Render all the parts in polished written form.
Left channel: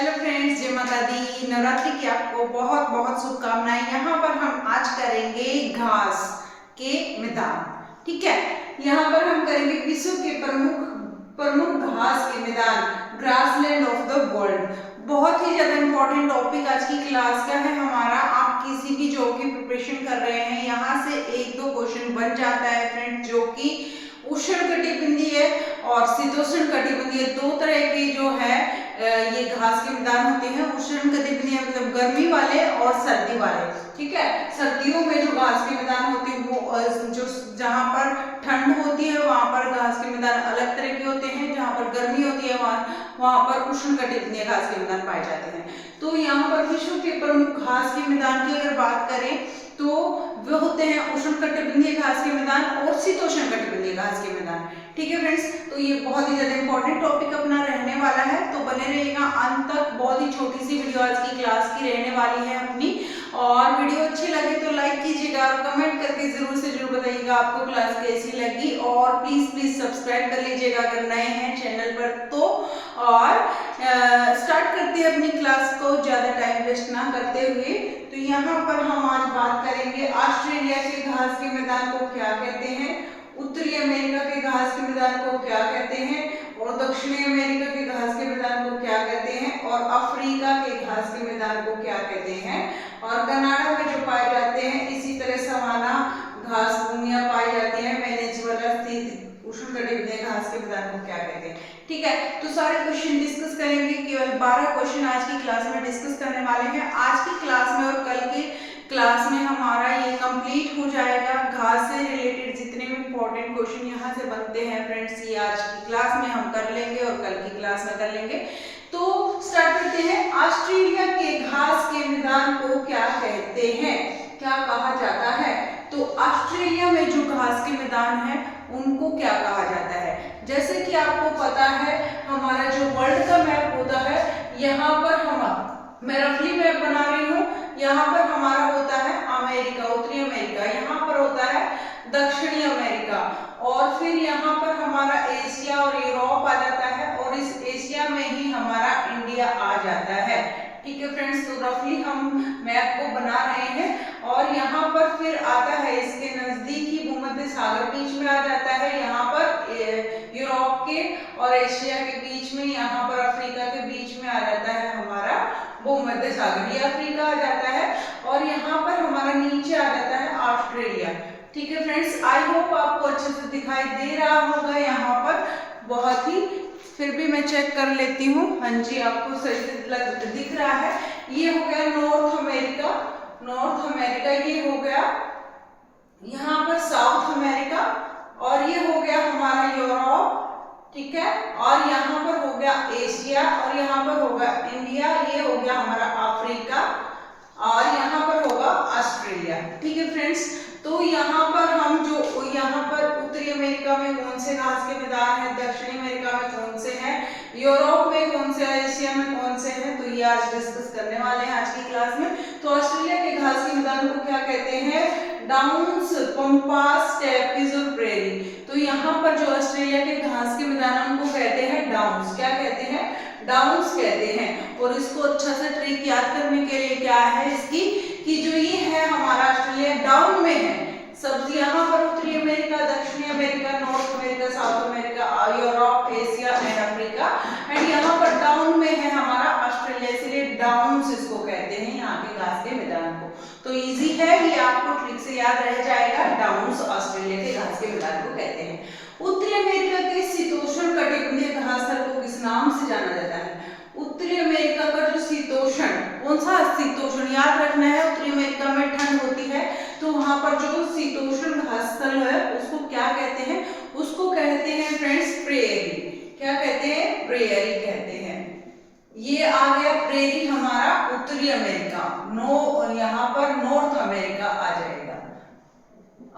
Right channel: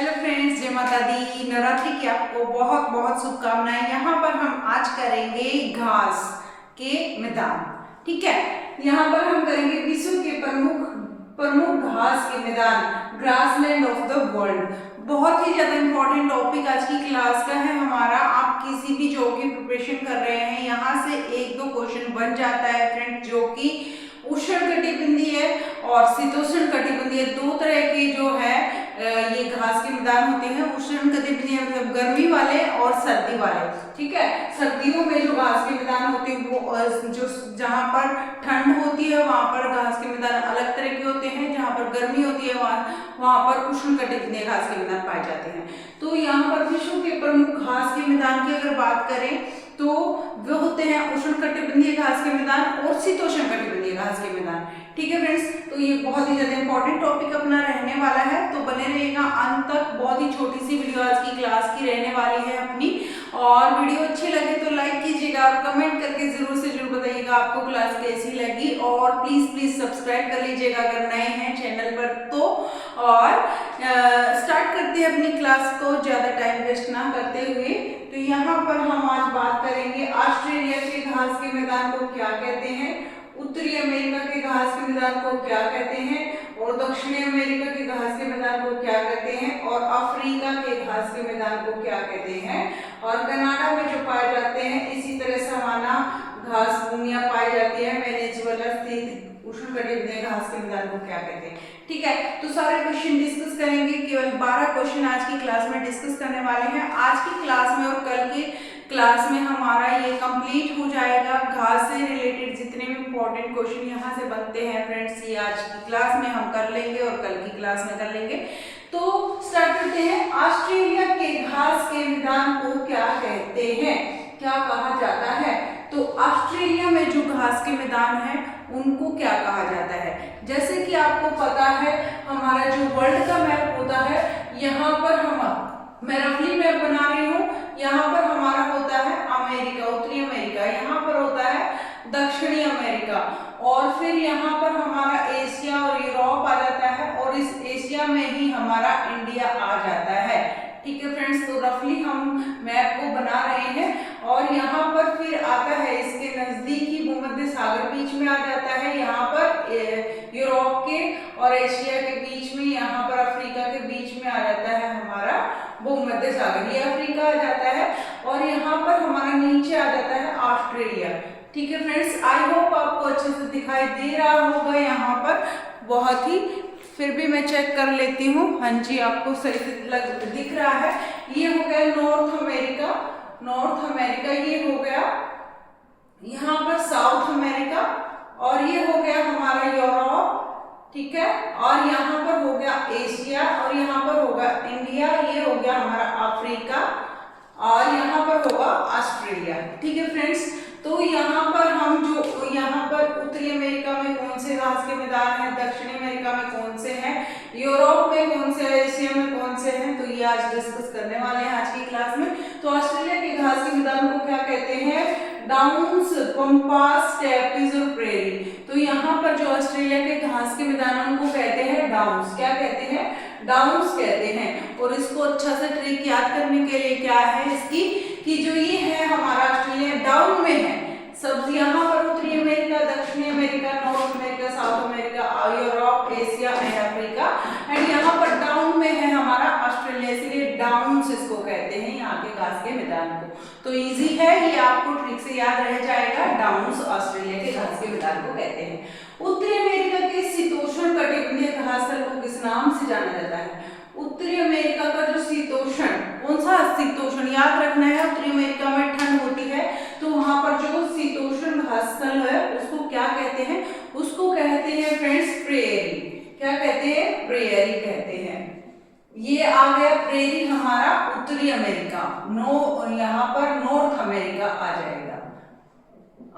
Hello friends, जय माता दी। नवरात्रि की आपको बहुत बहुत शुभकामनाएं। यहाँ पर हम आज करेंगे घास के मैदान। ठीक है, यहाँ पर हम करेंगे विश्व के प्रमुख प्रमुख घास के मैदान, ग्रासलैंड ऑफ द वर्ल्ड। बहुत ही ज्यादा इंपॉर्टेंट टॉपिक आज की क्लास का है हमारा। आप किसी भी जॉब की प्रिपरेशन कर रहे हैं, यहाँ से एक दो क्वेश्चन बन जाता है फ्रेंड्स, जो कि उष्ण कटिबंधीय और शीतोष्ण कटिबंधीय दो तरह के जो है ये घास के मैदान होते हैं। उष्ण कटिबंधीय मतलब गर्मी वाले और सर्दी वाले। ठीक है, सर्दियों में जो घास के मैदान होते हैं वो जो जहाँ पर ठंड होती है वहां पर घास के मैदान अलग तरह के होते हैं, जहाँ पर गर्मी होती है वहां पर उष्ण कटिबंधीय घास के मैदान पाए जाते हैं। तो यहाँ पर विश्व के प्रमुख घास के मैदान की अगर बात करें तो वो होते हैं उष्ण कटिबंधीय घास के मैदान और शीतोष्ण कटिबंधीय घास के मैदान। ठीक है फ्रेंड्स, तो ये बहुत ही ज्यादा इंपॉर्टेंट टॉपिक अपना रहने वाला है, तो बने रहिएगा अंत तक। बहुत ही छोटी सी वीडियो आज की क्लास की रहने वाली है अपनी, और वीडियो अच्छी लगे तो लाइक कीजिएगा और कमेंट करके जरूर से जरूर बताइएगा आपको क्लास कैसी लगी। और प्लीज सब्सक्राइब कर लीजिएगा अगर नए हैं चैनल पर तो। और स्टार्ट करते हैं अपनी क्लास को ज्यादा टाइम वेस्ट ना करते हुए। तो यहाँ पर हम आज बात करेंगे ऑस्ट्रेलिया के घास के मैदान को क्या कहते हैं, उत्तरी अमेरिका के घास के मैदान को क्या कहते हैं, और दक्षिणी अमेरिका के घास के मैदान को क्या कहते हैं, और अफ्रीका के घास के मैदान को क्या कहते हैं, और कनाडा में जो पाए जाते हैं इसी तरह सवाना घास भूमियां पाई जाती है वेनेजुएला स्थित उष्णकटिबंधीय घास के मैदान को क्या कहते हैं। ठीक है, तो सारे क्वेश्चन डिस्कस करेंगे। केवल 12 क्वेश्चन आज की क्लास में डिस्कस करने वाले हैं। आज की क्लास में और कल की क्लास में हमारा ये कंप्लीट हो जाएगा। घास से रिलेटेड जितने भी इंपॉर्टेंट क्वेश्चन यहाँ से बनते हैं फ्रेंड्स, ये आज की क्लास में हम कर लेंगे और कल की क्लास में कर लेंगे। तो स्टार्ट करते हैं। ऑस्ट्रेलिया के घास के मैदान को क्या कहते हैं, क्या कहा जाता है? तो ऑस्ट्रेलिया में जो घास के मैदान है उनको क्या कहा जाता है? जैसे कि आपको पता है हमारा जो वर्ल्ड का मैप होता है, यहाँ पर मैं रफली मैप बना रही हूँ। यहाँ पर हमारा होता है अमेरिका, उत्तरी अमेरिका, यहाँ पर होता है दक्षिणी अमेरिका, और फिर यहाँ पर हमारा एशिया और यूरोप आ जाता है, और इस एशिया में ही हमारा इंडिया आ जाता है। ठीक है फ्रेंड्स, तो रफली हम मैप को बना रहे हैं। और यहाँ पर फिर आता है इसके नजदीक ही भूमध्य सागर बीच में आ जाता है, यहाँ पर यूरोप के और एशिया के बीच में, यहाँ पर अफ्रीका के बीच में आ जाता है हमारा भूमध्य सागर, ये अफ्रीका आ जाता है, और यहाँ पर हमारा नीचे आ जाता है ऑस्ट्रेलिया। ठीक है फ्रेंड्स, आई होप आपको अच्छे से दिखाई दे रहा होगा यहाँ पर, बहुत ही, फिर भी मैं चेक कर लेती हूँ। हाँ जी, आपको सही से दिख रहा है। ये हो गया नॉर्थ अमेरिका, नॉर्थ अमेरिका ये हो गया, यहाँ पर साउथ अमेरिका, और ये हो गया हमारा यूरोप। ठीक है, और यहाँ पर हो गया एशिया, और यहाँ पर होगा इंडिया, ये हो गया हमारा अफ्रीका, और यहाँ पर होगा ऑस्ट्रेलिया। ठीक है फ्रेंड्स, तो यहाँ पर हम जो यहाँ पर उत्तरी अमेरिका में कौन से घास के मैदान है, दक्षिणी अमेरिका में कौन से हैं, यूरोप में कौन से, एशिया में कौन से हैं, तो ये आज डिस्कस करने वाले हैं आज की क्लास में। तो ऑस्ट्रेलिया के घास के मैदान को क्या कहते हैं? डाउन्स, पंपास, स्टेप्पीज और प्रेरी। तो यहाँ पर जो ऑस्ट्रेलिया के घास के मैदान को कहते हैं डाउन्स। क्या कहते हैं? डाउन्स कहते हैं। और इसको अच्छा से ट्रिक याद करने के लिए क्या है इसकी, कि जो ये है हमारा ऑस्ट्रेलिया डाउन में है सब, यहाँ पर उत्तरी अमेरिका, दक्षिणी America, north America, south America, Europe, Asia and Africa, and यहाँ पर डाउन में है हमारा ऑस्ट्रेलिया, इसलिए डाउन्स इसको कहते हैं यहाँ के घास के मैदान को। तो इजी है, ये आपको ठीक से याद रह जाएगा। डाउन्स ऑस्ट्रेलिया के घास के मैदान को कहते हैं। उत्तरी अमेरिका के शीतोष्ण कटिबंधीय घास स्थल को किस नाम से जाना जाता है? उत्तरी अमेरिका का जो शीतोष्ण, कौन सा शीतोष्ण याद रखना है, उत्तरी अमेरिका में ठंड होती है, तो वहां पर जो शीतोष्ण घास स्थल है उसको क्या कहते हैं? उसको कहते हैं फ्रेंड्स प्रेयरी। क्या कहते हैं? प्रेयरी कहते हैं। ये आ गया प्रेयरी हमारा उत्तरी अमेरिका, यहाँ पर नॉर्थ अमेरिका आ जाएगा।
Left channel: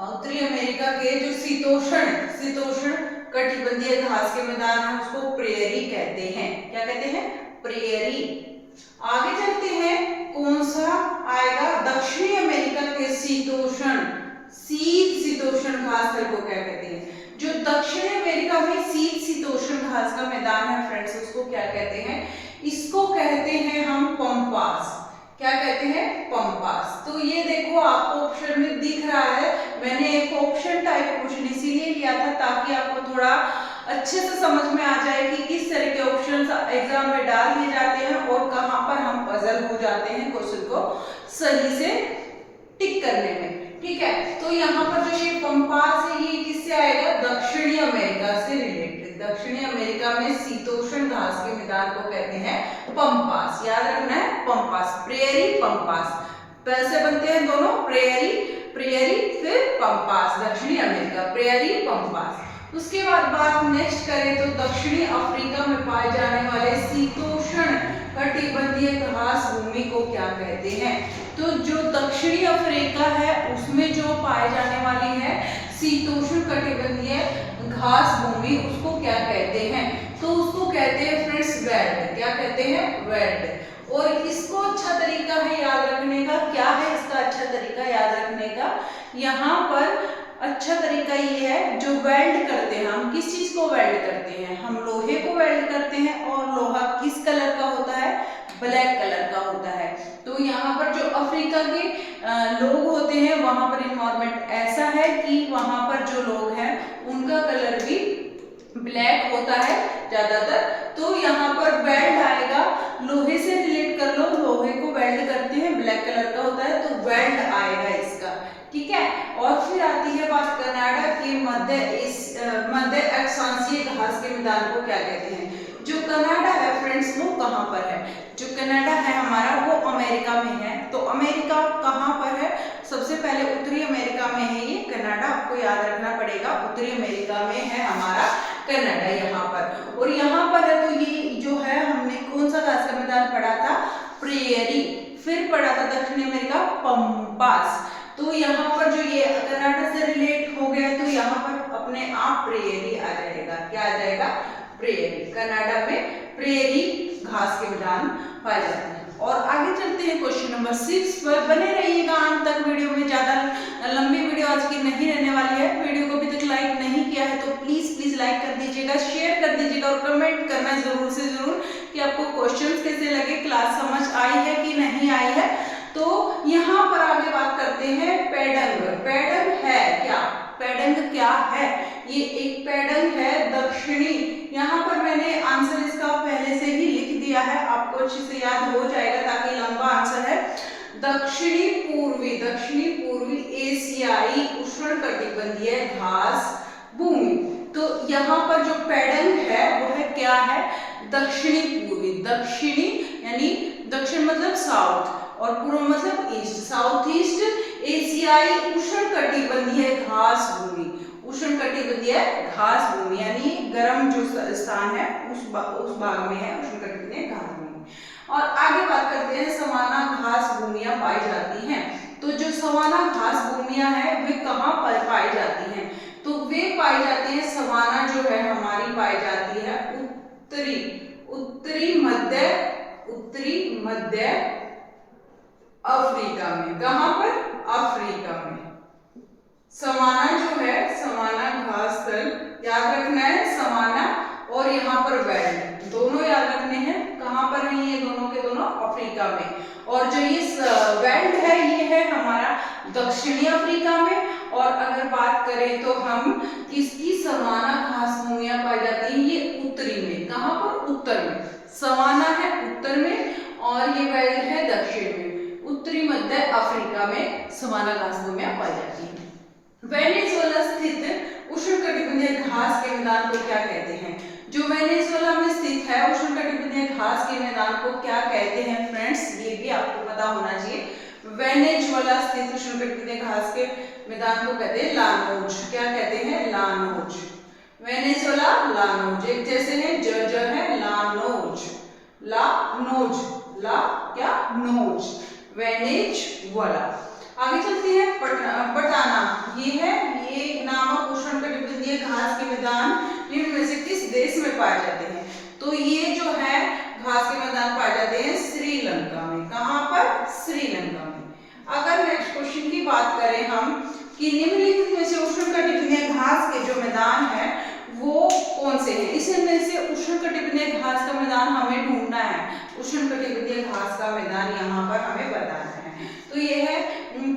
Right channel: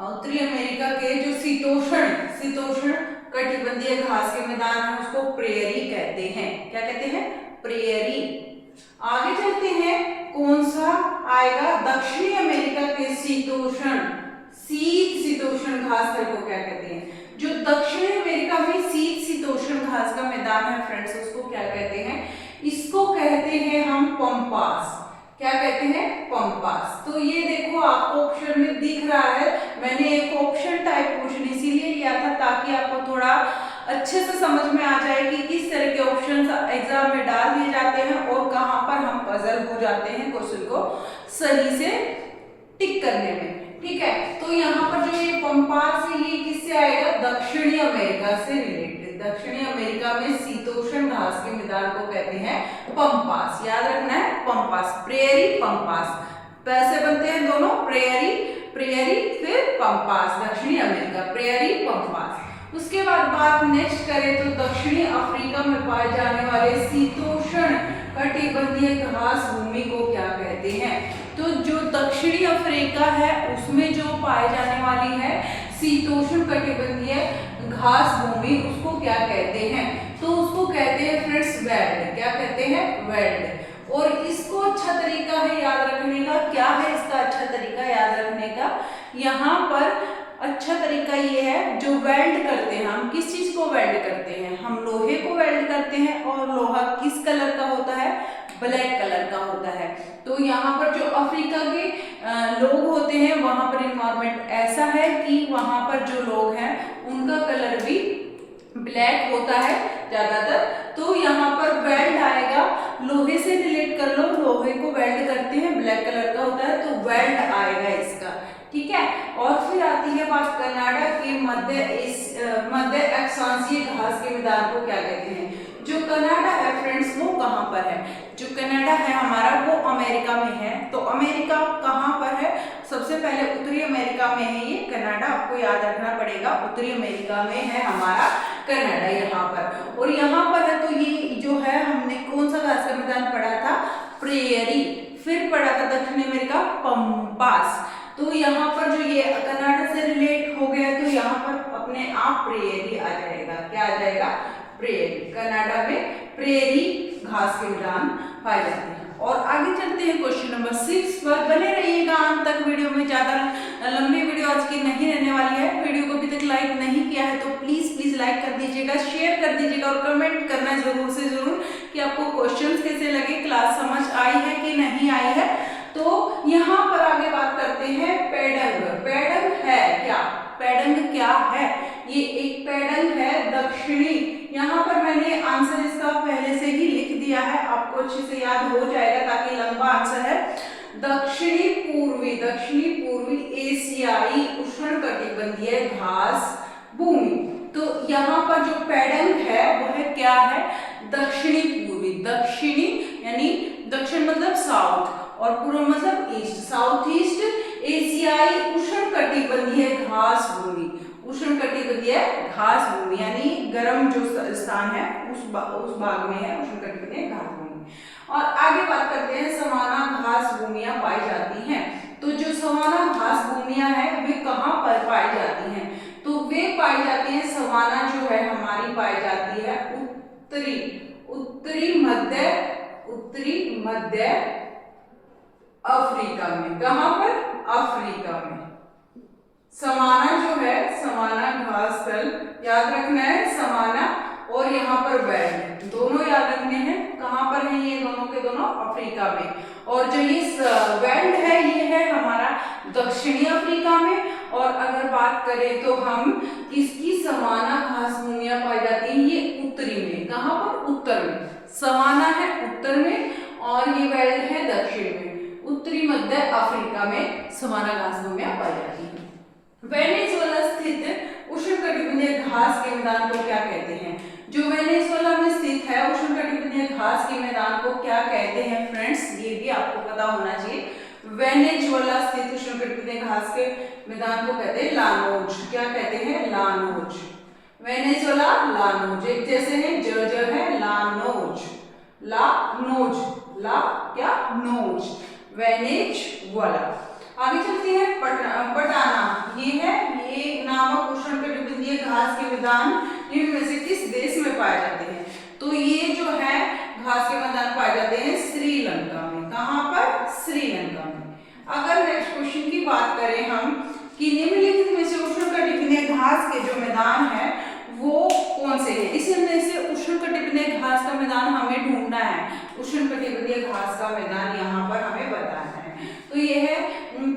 उत्तरी अमेरिका के जो शीतोष्ण कटिबंधीय घास के मैदान है उसको प्रेयरी कहते हैं। क्या कहते हैं? प्रेयरी। आगे चलते हैं, कौन सा आएगा? दक्षिणी अमेरिका के शीतोष्ण घास स्थल को क्या कहते हैं? जो दक्षिणी अमेरिका में शीतोष्ण घास का मैदान है फ्रेंड्स, उसको क्या कहते हैं? इसको कहते हैं हम पंपास। क्या कहते हैं? पंपास। तो ये देखो आपको ऑप्शन में दिख रहा है, मैंने एक ऑप्शन टाइप क्वेश्चन इसीलिए लिया था ताकि आपको थोड़ा अच्छे से समझ में आ जाए कि किस तरह के ऑप्शंस एग्जाम में डाल दिए जाते हैं और कहां पर हम पजल हो जाते हैं क्वेश्चन को सही से टिक करने में। ठीक है, तो यहाँ पर जो ये पंपास है ये किससे आएगा? दक्षिणी अमेरिका से रिलेटेड। दक्षिणी अमेरिका में शीतोष्ण घास के मैदान को कहते हैं पंपास। याद रखना है, पंपास, प्रेयरी पंपास, पैसे बनते हैं दोनों, प्रेयरी प्रेयरी फिर पंपास, दक्षिणी अमेरिका, प्रेयरी पंपास। उसके बाद बात नेक्स्ट करें तो दक्षिणी अफ्रीका में पाए जाने वाले शीतोष्ण कटिबंधीय घास भूमि को क्या कहते हैं? तो जो दक्षिणी अफ्रीका है उसमें जो पाए जाने वाली है शीतोष्ण कटिबंधीय घास भूमि, उसको क्या कहते हैं? तो उसको कहते हैं फ्रेंड्स वेल्ड। क्या कहते हैं? वेल्ड। और इसको अच्छा तरीका है याद रखने का, क्या है इसका अच्छा तरीका याद रखने का? यहाँ पर अच्छा तरीका ये है, जो वेल्ड करते हैं हम किस चीज को वेल्ड करते हैं? हम लोहे को वेल्ड करते हैं और लोहा किस कलर का होता है? ब्लैक कलर का होता है। तो यहाँ पर जो अफ्रीका के लोग होते हैं वहां पर इन्वायरमेंट ऐसा है कि वहां पर जो लोग हैं उनका कलर भी ब्लैक होता है ज्यादातर। तो यहाँ पर वेल्ड आएगा, लोहे से रिलेट कर लो, लोहे को वेल्ड करते हैं, ब्लैक कलर का होता है तो वेल्ड आएगा इसका। ठीक है, और फिर आती है बात कनाडा के मध्य अक्षांशीय घास के मैदान को क्या कहते हैं? जो कनाडा है फ्रेंड्स वो कहाँ पर है? जो कनाडा है हमारा वो अमेरिका में है। तो अमेरिका कहाँ पर है? सबसे पहले उत्तरी अमेरिका में है ये कनाडा, आपको याद रखना पड़ेगा, उत्तरी अमेरिका में है हमारा कनाडा यहाँ पर। और यहाँ पर है तो ये जो है हमने कौन सा घास का मैदान पढ़ा था? प्रेयरी। फिर पढ़ा था दक्षिणी अमेरिका पंपास। तो यहाँ पर जो ये कनाडा से रिलेट हो गया तो यहाँ पर अपने आप प्रेयरी आ जाएगा। क्या आ जाएगा? प्रेयरी। कनाडा में प्रेयरी घास के मैदान पाए जाते हैं। और आगे चलते हैं क्वेश्चन नंबर 6 पर। बने रहिएगा अंत तक वीडियो में, ज्यादा लंबी वीडियो आज की नहीं रहने वाली है। वीडियो को अभी तक लाइक नहीं किया है तो प्लीज लाइक कर दीजिएगा, शेयर कर दीजिएगा और कमेंट करना जरूर से जरूर कि आपको क्वेश्चन कैसे लगे, क्लास समझ आई है कि नहीं आई है। तो यहाँ पर आगे बात करते हैं पेडंग। पेडंग है क्या? पेडंग क्या है? ये एक पेडंग है दक्षिणी, यहाँ पर मैंने आंसर इसका पहले से ही लिख दिया है, आपको अच्छे से याद हो जाएगा ताकि लंबा आंसर है। दक्षिणी पूर्वी एशियाई उष्णकटिबंधीय घास भूमि। तो यहाँ पर जो पेडंग है वह क्या है? दक्षिणी पूर्वी। दक्षिणी यानी दक्षिण मतलब साउथ और पूर्व मतलब ईस्ट, साउथ ईस्ट एशियाई उष्णकटिबंधीय घास भूमि। उष्णकटिबंधीय घास भूमि यानी गर्म जो स्थान है उस भाग में है उष्णकटिबंधीय घास भूमि। और आगे बात करते हैं सवाना घास भूमियां पाई जाती हैं। तो जो सवाना घास भूमियां हैं वे कहाँ पर पाई जाती हैं? तो वे पाई जाती हैं, सवाना जो है हमारी पाई जाती है उत्तरी मध्य अफ्रीका में। कहां पर? अफ्रीका में। सवाना जो है, सवाना घास स्थल याद रखना है, सवाना और यहाँ पर वेल्ड दोनों याद रखने हैं। कहां पर है ये दोनों के दोनों? अफ्रीका में। और जो ये वेल्ड है ये है हमारा दक्षिणी अफ्रीका में। और अगर बात करें तो हम किसकी सवाना घास भूमियां पाई जाती हैं? ये उत्तरी में। कहां पर? उत्तर में। सवाना है उत्तर में और ये वेल्ड है दक्षिण में। उत्तरी मध्य अफ्रीका में सवाना घास भूमियां पाई जाती हैं। वेनेजुएला स्थित उष्णकटिबंधीय घास के मैदान को क्या कहते हैं? जो वेनेजुएला में स्थित है उष्णकटिबंधीय घास के मैदान को क्या कहते हैं फ्रेंड्स? ये भी आपको पता होना चाहिए। वेनेजुएला स्थित उष्णकटिबंधीय घास के मैदान को कहते हैं लानोज। क्या कहते हैं? लानोज। वेनेजुएला लानोज एक जैसे है, ज है, लानोज, लानोज, ला क्या? नोज, वेनेजुएला। आगे चलते हैं पटाना। ये है, ये नामक उष्णकटिबंधीय घास के मैदान निम्न में से किस देश में पाए जाते हैं? तो ये जो है घास के मैदान पाए जाते हैं श्रीलंका में। कहां पर? श्रीलंका में। अगर नेक्स्ट क्वेश्चन की बात करें हम कि निम्नलिखित में से उष्णकटिबंधीय घास के जो मैदान है वो कौन से हैं? इसमें से उष्णकटिबंधीय घास का मैदान हमें ढूंढना है। उष्णकटिबंधीय घास का मैदान यहाँ पर हमें बताना है। तो ये है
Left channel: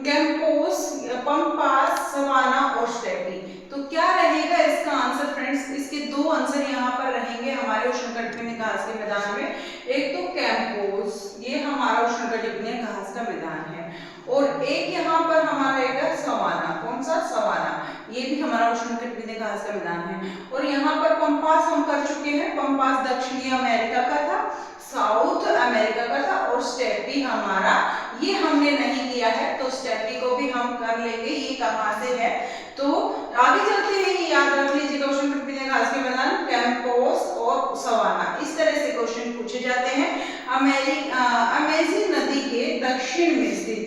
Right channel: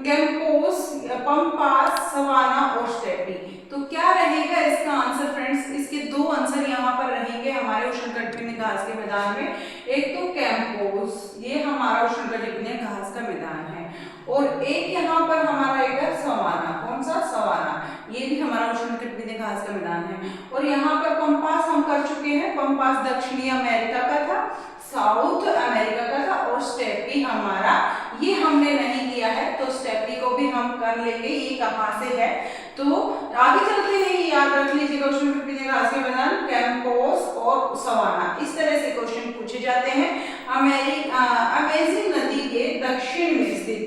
कैंपोस, पंपास, सवाना और स्टेपी। तो क्या रहेगा इसका आंसर फ्रेंड्स? इसके दो आंसर यहाँ पर रहेंगे हमारे उष्णकटिबंधीय घास के मैदान में। एक तो कैंपोस, ये हमारा उष्णकटिबंधीय घास का मैदान है, और एक यहाँ पर हमारा रहेगा सवाना। कौन सा? सवाना, ये भी हमारा उष्णकटिबंधीय घास का मैदान है। और यहाँ पर पंपास हम कर चुके हैं, पंपास दक्षिणी अमेरिका का था, साउथ अमेरिका का था, और स्टेपी हमारा ये हमने नहीं किया है, तो स्टेपी को भी हम कर लेंगे। ये कहाँ से है? तो आगे चलते हैं, ये याद रख लीजिएगा, उष्णकटिबंधीय घास के मैदान कैंपोस और सवाना, इस तरह से क्वेश्चन पूछे जाते हैं। अमेज़न नदी के दक्षिण में स्थित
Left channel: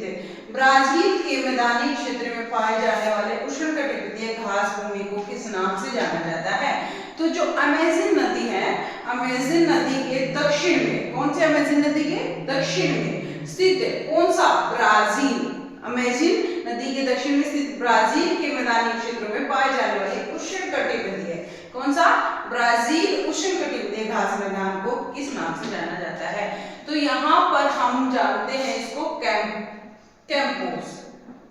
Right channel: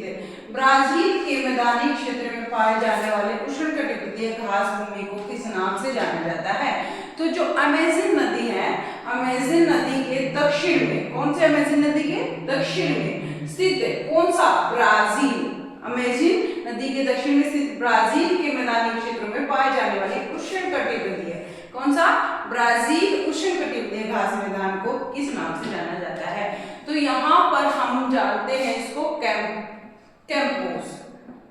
ब्राजील के मैदानी क्षेत्र में पाए जाने वाले उष्णकटिबंधीय घास भूमि को किस नाम से जाना जाता है? तो जो अमेज़न नदी है, अमेज़न नदी के दक्षिण में, कौन से अमेज़न नदी के दक्षिण में स्थित है? कौन सा? ब्राजील। अमेज़न नदी के दक्षिण में स्थित ब्राजील के मैदानी क्षेत्रों में पाए जाने वाले उष्णकटिबंधीय, कौन सा? ब्राजील उष्णकटिबंधीय घास मैदान को किस नाम से जाना जाता है? तो यहाँ पर हम जानते हैं इसको कैंपोस,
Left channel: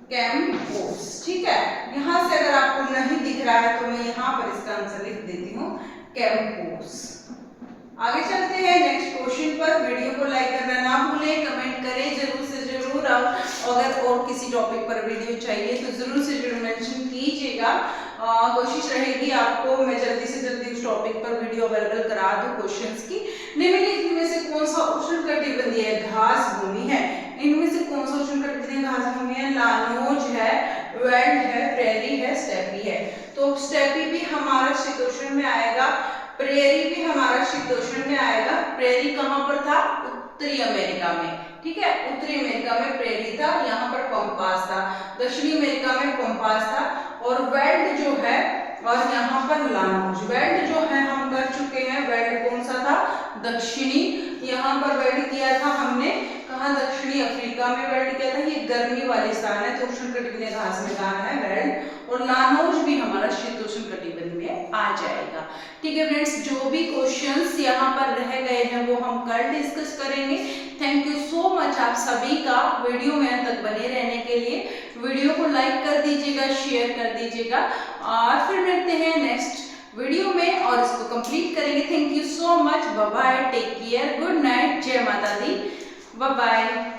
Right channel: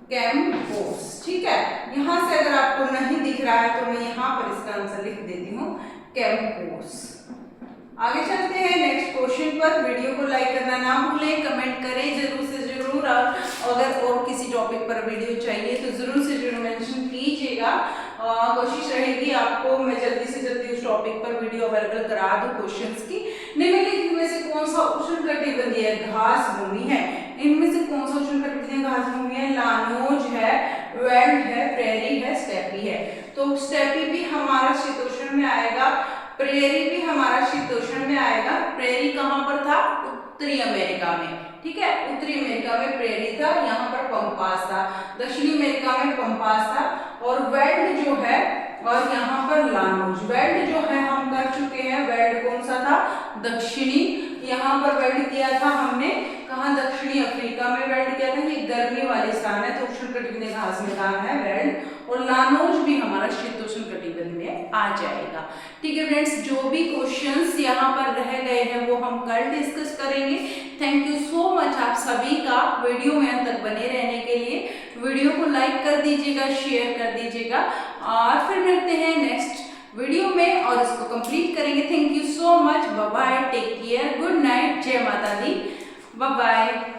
कैंपोस, ठीक है। यहाँ से अगर आपको नहीं दिख रहा है तो मैं यहाँ पर इसका आंसर लिख देती हूँ, कैंपोस। आगे चलते हैं नेक्स्ट क्वेश्चन पर। वीडियो को लाइक करना ना भूलें, कमेंट करें जरूर से जरूर। अगर और किसी टॉपिक पर वीडियो चाहिए तो जरूर से जरूर मेंशन कीजिएगा। कोशिश रहेगी आपको मैं जल्दी से जल्दी उस टॉपिक पर वीडियो अवेलेबल करा दूं क्वेश्चंस की। निम्नलिखित में से कौन सा उष्णकटिबंधीय घास भूमि है? इनमें से कौन सा उष्णकटिबंधीय घास भूमि है? लानोज है, वेल्ड है, प्रेरी है, स्टेपी है। तो स्टेपी भी हमारा शीतोष्ण में आएगा, प्रेरी भी हमारा शीतोष्ण में आएगा। प्रेरी कहाँ पर था? उत्तरी अमेरिका में, ठीक है। उत्तरी अमेरिका में प्रेरी था, यहाँ पर पंपास था। दक्षिणी अमेरिका में पंपास था, और वेल्ड जो है, और यहाँ पर लानोज। वेल्ड जो है हम कर चुके हैं, वेल्ड कौन सा था? दक्षिणी। यहाँ पर वेल्ड किया था हमने कहाँ? दक्षिणी अफ्रीका में वेल्ड किया था। ये गर्मी वाले स्थान है, तो उष्णकटिबंधीय घास मैदान है वेल्ड। और लानोज भी हमारा शीतोष्ण कटिबंध में आ जाएगा, ठीक है फ्रेंड्स। जो भी क्वेश्चंस यहाँ पर रह गए हैं वो हम कल डिस्कस करेंगे। थैंक यू सो मच आप सभी का वीडियो में अंत तक बने रहने के लिए। वीडियो को लाइक कर दीजिएगा, शेयर कर दीजिएगा, और फिर मिलते हैं नेक्स्ट वीडियो में और इसको कंप्लीट करेंगे। Thank you so much, bye bye, take care, good night, जय माता दी, बाय बाय।